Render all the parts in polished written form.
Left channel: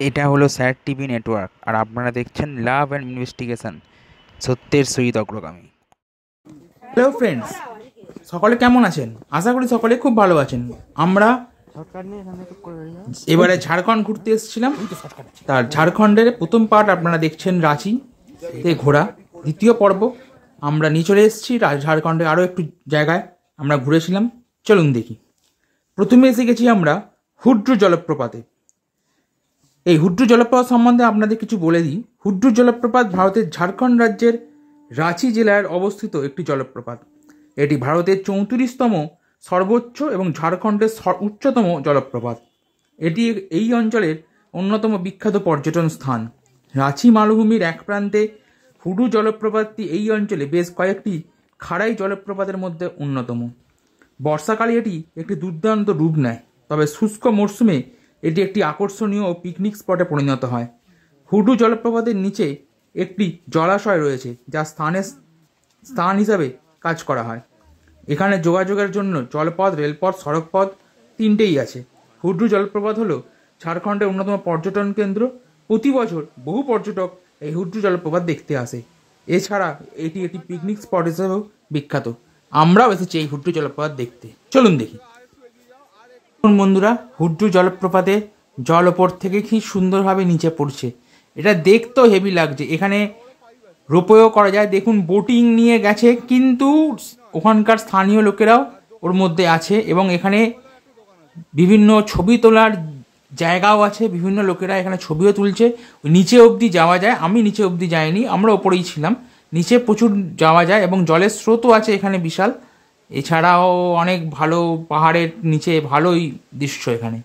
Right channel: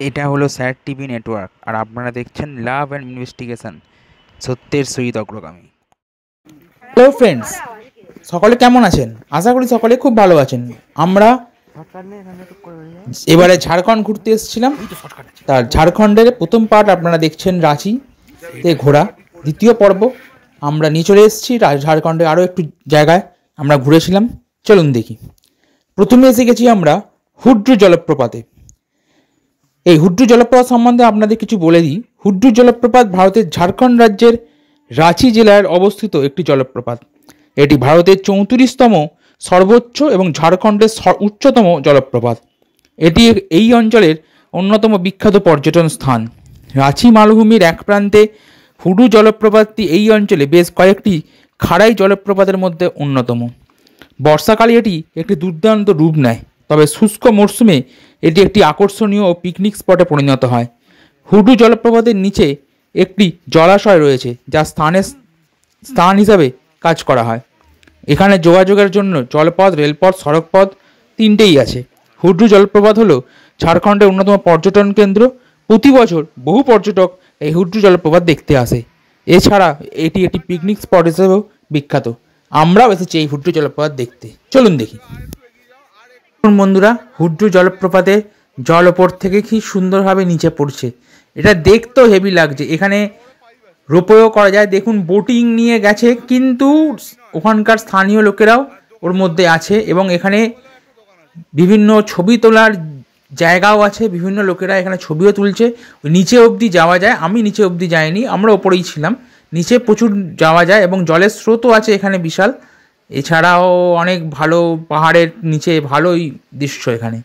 এটা হলো sir TV network, আর আপনারা দেখছেন লাভ অ্যান্ড ইনভেস্টিগেশন, সত্যের সহিত অগ্রগামী। হ্যালো ফ্রেন্ডস, সকলে কেমন আছেন? আশা করি সকলে খুব ভালো আছেন। আমরা এবারে ঝাড়খণ্ড ঘুরতে এসেছিলাম। তার ঝাড়খণ্ডের প্রথম পার্ট আপনারা দেখছেন রাঁচিতে ঘোরা। দ্বিতীয় পর্ব আমরা নিয়ে চলে এসেছি ঝাড়খণ্ডে আরও একটু জায়গায় আমরা ঘুরেছিলাম। চলুন দেখি। প্রথমে এসে গেছি আমরা হুড্রু জলপ্রপাতে। এই হুড্রু জলপ্রপাত সম্বন্ধে আপনাদের কিছু বলে দিই। হুড্রু জলপ্রপাত ভারতের ঝাড়খণ্ড রাজ্যের রাঁচি জেলায় অবস্থিত একটি জলপ্রপাত। এটি ভারতের 34তম সর্বোচ্চ এবং ঝাড়খণ্ডের উচ্চতম জলপ্রপাত। এটি এই অঞ্চলের অন্যতম বিখ্যাত পর্যটন স্থান। রাঁচি মালভূমির এক প্রান্তে হুড্রু জলপ্রপাতটি এই অঞ্চলে বেশ কয়েকটি খাড়াই জলপ্রপাতের মধ্যে অন্যতম। বর্ষাকালে এটি একটি দুর্দান্ত রূপ নেয়, তবে শুষ্ক মরশুমে এটি একটি আকর্ষণীয় ও পিকনিক স্পটে পরিণত হয়। হুড্রু জলপ্রপাতের নিচে একটি জলাশয় রয়েছে, যা স্থান হিসাবে কাজ করা হয়। এখানে যোগাযোগের জন্য জলপথ, রেলপথ, সড়কপথ তিনটেই আছে। হুড্রু জলপ্রপাত হলো ঝাড়খণ্ডের অন্যতম পর্যটন কেন্দ্র। প্রতি বছর বহু পর্যটক এই হুড্রু জলপ্রপাত দেখতে আসে। এছাড়া এটি একটি পিকনিক স্পট হিসেবেও বিখ্যাত। আমরাও এসেছি এই হুড্রু জলপ্রপাত দেখতে। চলুন দেখি। বন্ধুরা, হুড্রু জলপ্রপাতে জল ওপর থেকে কি সুন্দরভাবে নিচে পড়ছে। এটা দেখতেও হেভি লাগছে। এখানে রোপওয়েও করা যায়। দেখুন, বোটিং নিয়ে গেছে, কিন্তু ওখানকার স্থানীয় লোকেরাও ওর মধ্যে আছে এবং এখানে বিভিন্ন ছবি তোলার জায়গাও আছে। বিভিন্ন লোকেরা এখানে ছবিও তুলছে। নিচে অবধি যাওয়া যায়। আমি নিচে অবধি যাইনি, আমরা ওপরেই ছিলাম। নিচে প্রচুর যাওয়া যায় এবং জলের স্রোতও আছে এখানে বিশাল। এছাড়াও অনেক ভালো পাহাড়ের নিচে ভালোই দৃশ্য এখানে।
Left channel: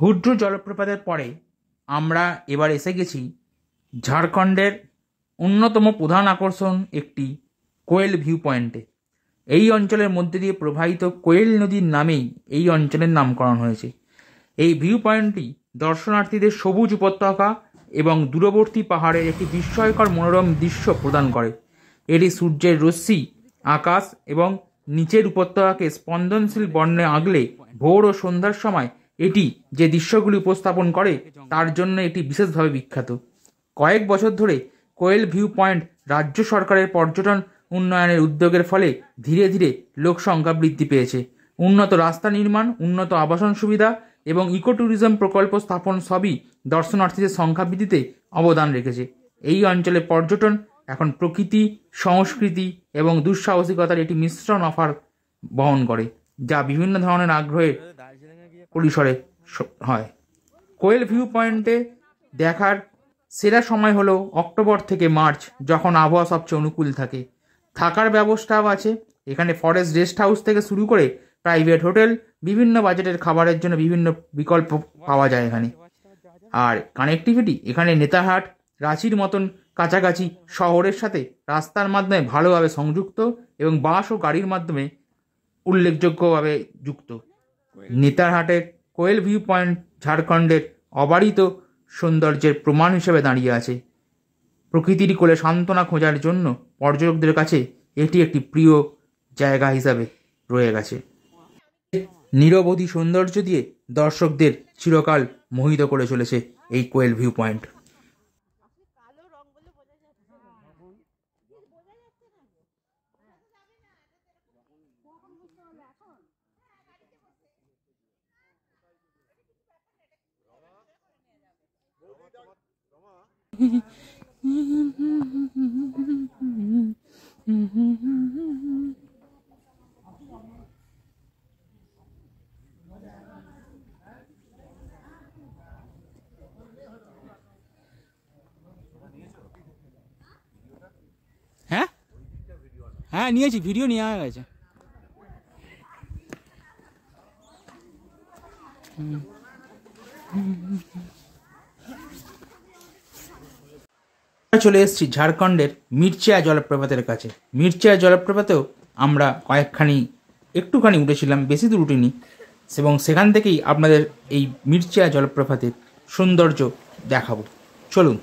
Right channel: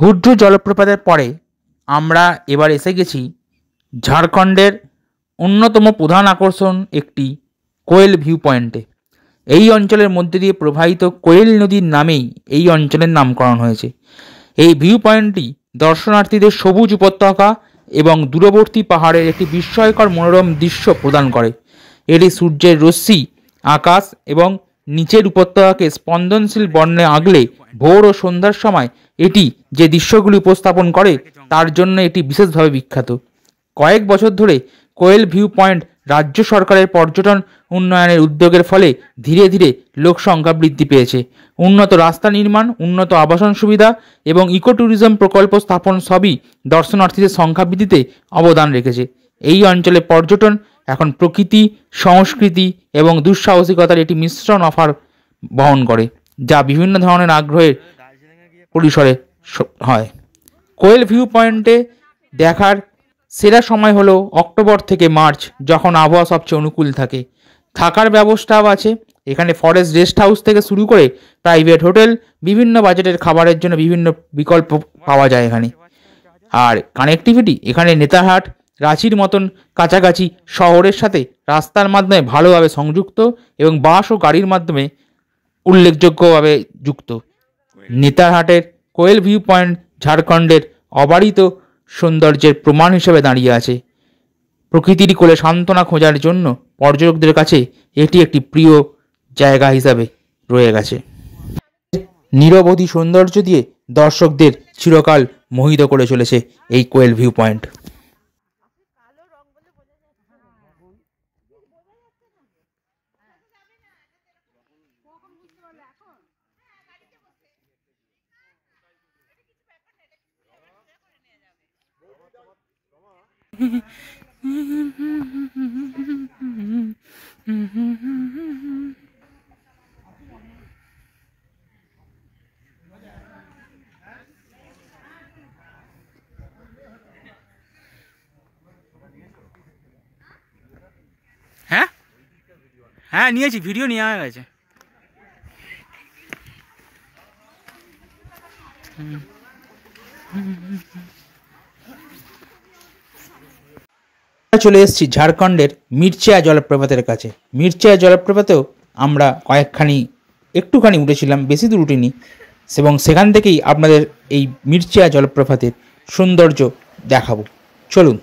হুড্রু জলপ্রপাতের পরে আমরা এবার এসে গেছি ঝাড়খণ্ডের অন্যতম প্রধান আকর্ষণ একটি কোয়েল ভিউ পয়েন্টে। এই অঞ্চলের মধ্যে দিয়ে প্রবাহিত কোয়েল নদীর নামেই এই অঞ্চলের নামকরণ হয়েছে। এই ভিউ পয়েন্টটি দর্শনার্থীদের সবুজ উপত্যকা এবং দূরবর্তী পাহাড়ের একটি বিস্ময়কর মনোরম দৃশ্য প্রদান করে। এটি সূর্যের রশ্মি, আকাশ এবং নিচের উপত্যকাকে স্পন্দনশীল বর্ণে আগলে ভোর ও সন্ধ্যার সময় এটি যে দৃশ্যগুলি উপস্থাপন করে তার জন্য এটি বিশেষভাবে বিখ্যাত। কয়েক বছর ধরে কোয়েল ভিউ পয়েন্ট রাজ্য সরকারের পর্যটন উন্নয়নের উদ্যোগের ফলে ধীরে ধীরে লোক সংখ্যা বৃদ্ধি পেয়েছে। উন্নত রাস্তা নির্মাণ, উন্নত আবাসন সুবিধা এবং ইকো ট্যুরিজম প্রকল্প স্থাপন সবই দর্শনার্থীদের সংখ্যা বৃদ্ধিতে অবদান রেখেছে। এই অঞ্চলে পর্যটন এখন প্রকৃতি, সংস্কৃতি এবং দুঃসাহসিকতার একটি মিশ্রণ অফার বহন করে, যা বিভিন্ন ধরনের আগ্রহের পরিসরে হয়। কোয়েল ভিউ পয়েন্টে দেখার সেরা সময় হলো অক্টোবর থেকে মার্চ, যখন আবহাওয়া সবচেয়ে অনুকূল থাকে। থাকার ব্যবস্থাও আছে। এখানে ফরেস্ট রেস্ট হাউস থেকে শুরু করে প্রাইভেট হোটেল, বিভিন্ন বাজেটের খাবারের জন্য বিভিন্ন বিকল্প পাওয়া যায় এখানে। আর কানেক্টিভিটি এখানে নেতারহাট রাঁচির মতন কাছাকাছি শহরের সাথে রাস্তার মাধ্যমে ভালোভাবে সংযুক্ত এবং বাস ও গাড়ির মাধ্যমে উল্লেখযোগ্যভাবে যুক্ত। নেতারহাটের কোয়েল ভিউ পয়েন্ট ঝাড়খণ্ডের অবারিত সৌন্দর্যের প্রমাণ হিসেবে দাঁড়িয়ে আছে। প্রকৃতির কোলে সান্ত্বনা খোঁজার জন্য পর্যটকদের কাছে এটি একটি প্রিয় জায়গা হিসাবে রয়ে গেছে। নিরবধি সৌন্দর্য দিয়ে দর্শকদের চিরকাল মোহিত করে চলেছে এই কোয়েল ভিউ পয়েন্ট। হ্যাঁ হ্যাঁ নিয়েছি, ভিডিও নেওয়া হয়ে গেছে। চলে এসেছি ঝাড়খণ্ডের মির্চিয়া জলপ্রপাতের কাছে। মির্চিয়া জলপ্রপাতেও আমরা একটুখানি উঠেছিলাম, বেশি দূর উঠিনি, এবং সেখান থেকেই আপনাদের এই মির্চিয়া জলপ্রপাতের সৌন্দর্য দেখাবো। চলুন।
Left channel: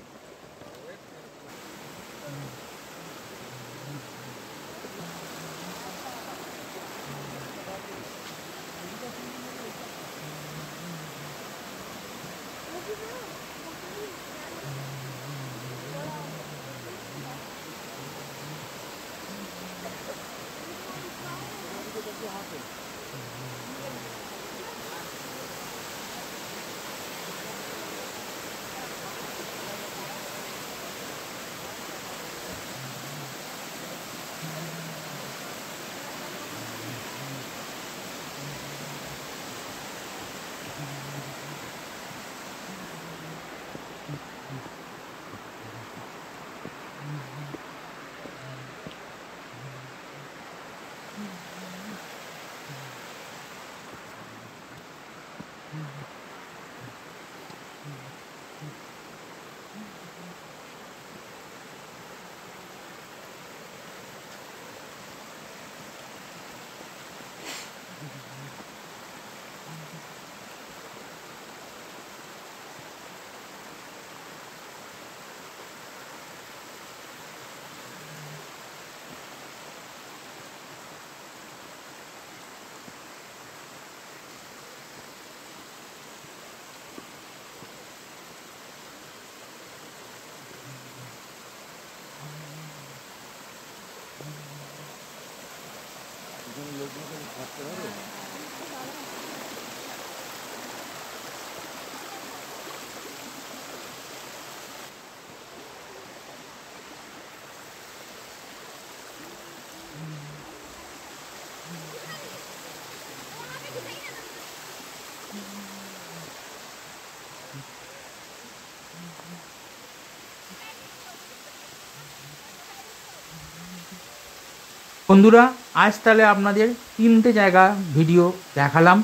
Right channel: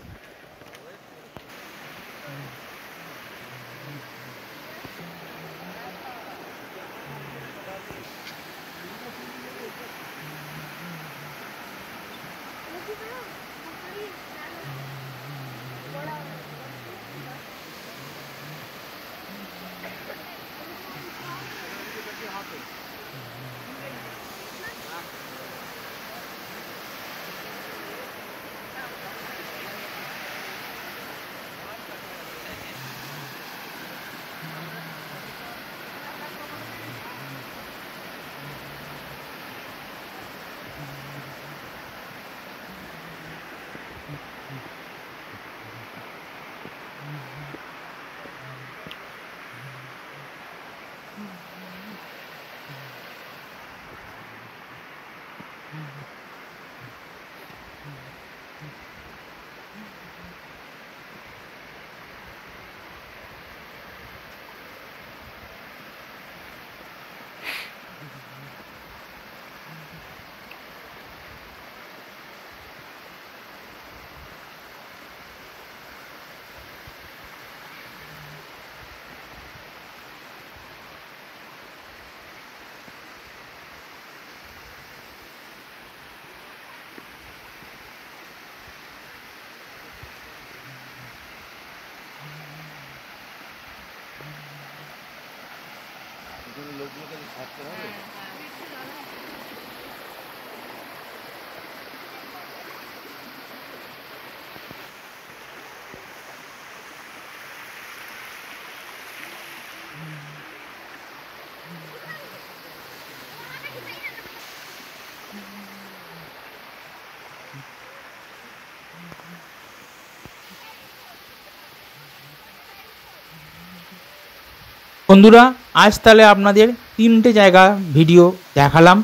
বন্ধুরা, আজ তাহলে আপনাদের 3টে জায়গা ভিডিও দেখালাম।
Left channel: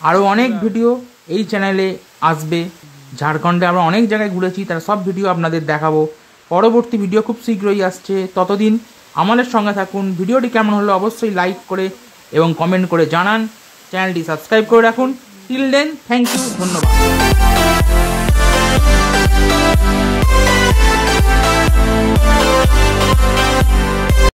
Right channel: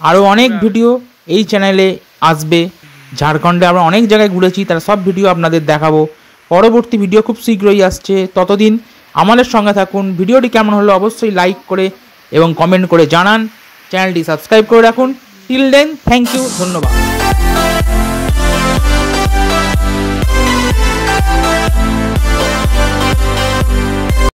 আরও অনেক ভিডিও এই চ্যানেলে আসবে। ঝাড়খণ্ডে আমরা অনেক জায়গায় ঘুরেছি, তার সব ভিডিও আপনাদের দেখাবো। পরবর্তী ভিডিও খুব শীঘ্রই আসছে। ততদিন আমাদের সঙ্গে থাকুন। ভিডিওটি কেমন হলো অবশ্যই লাইক করে এবং কমেন্ট করে জানান। চ্যানেলটি সাবস্ক্রাইব করে রাখুন। টিল দেন, থ্যাংক ইউ, ধন্যবাদ।